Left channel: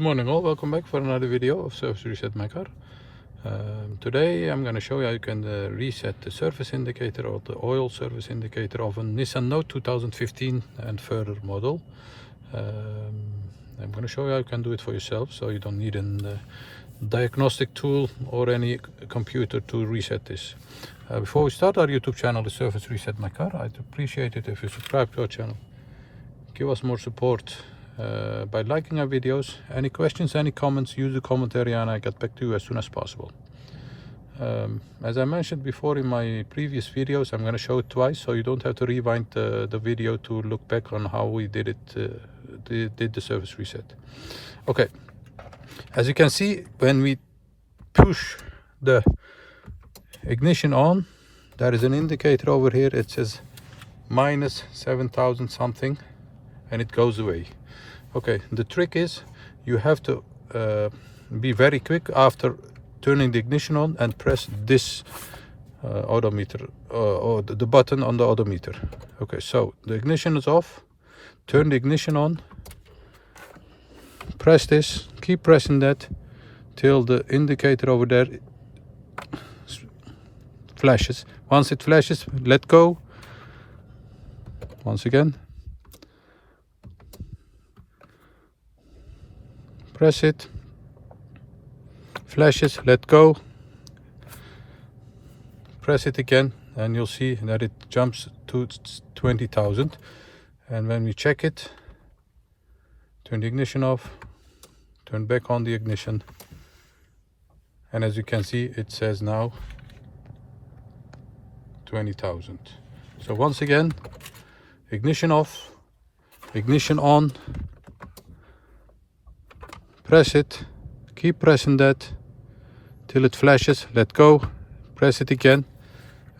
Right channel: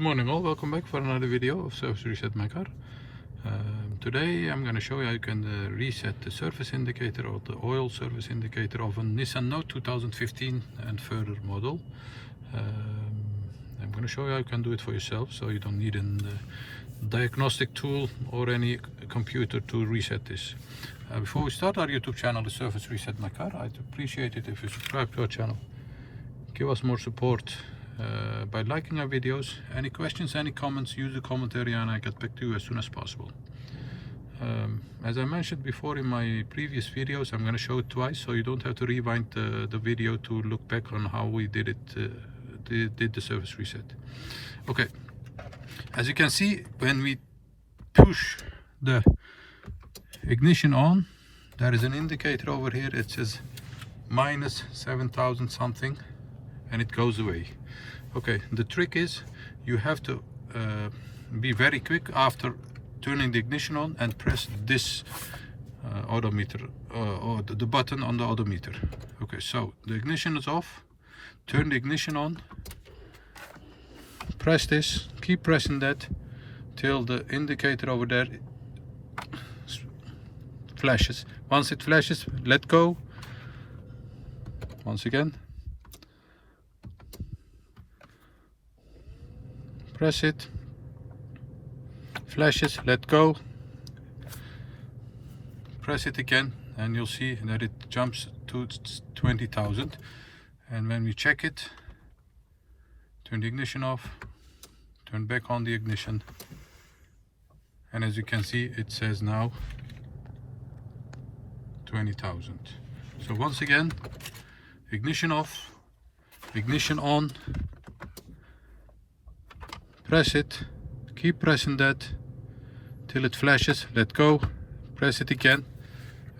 Good morning all, welcome back for another video of Service Reset My Car. Today I'm going to show you how you can reset the service indicator or the oil service indicator of a Nissan Note 2015 and further model. I'm going to show you how you can do it for yourself, so you don't need a diagnostic tool or any computer to reset this. Before we start our YouTube channel, the Service Reset My Car, I'd appreciate it if you subscribe to our channel. Give us more support by liking our videos. Any questions, any comments, use the comment area and I get back to you as soon as possible. As I mentioned before in my previous videos, I'm going to show it twice, so you don't have to rewind the video to look back on how we did it, did the service reset. Okay, as you can see, when we push the ignition on, there is an indicator over here. It says minus 7,000 something and it goes away. Okay, the trick is you have to be very quick after turning the ignition on and press this odometer or the button on the odometer. Okay, so the ignition is off, turn the ignition on, press this, keep pressing that till the indicator over there flashes. Once it flashes, let go. Once again, press it, flashes, let go, press it again, and you'll see that it jumps to 20,000. And when we check it, turn the ignition off, turn back on the ignition, and as you can see, it says now 20,000. So once again, ignition off, ignition on, press it, keep pressing that till it flashes, let go, press it again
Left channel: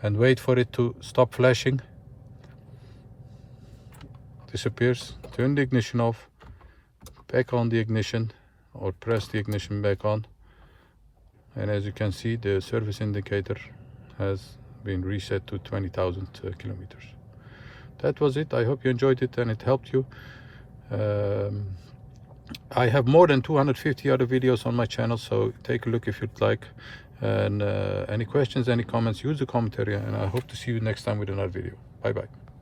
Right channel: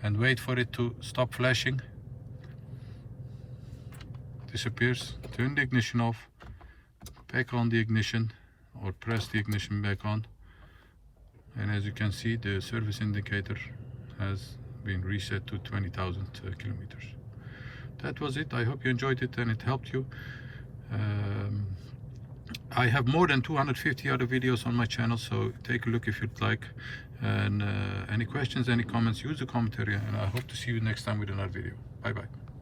and wait for it to stop flashing. Disappears, turn the ignition off, back on the ignition or press the ignition back on, and as you can see, the service indicator has been reset to 20,000 kilometers. That was it. I hope you enjoyed it and it helped you. I have more than 250 other videos on my channel, so take a look if you'd like. And any questions, any comments, use the comment area, and I hope to see you next time with another video. Bye bye.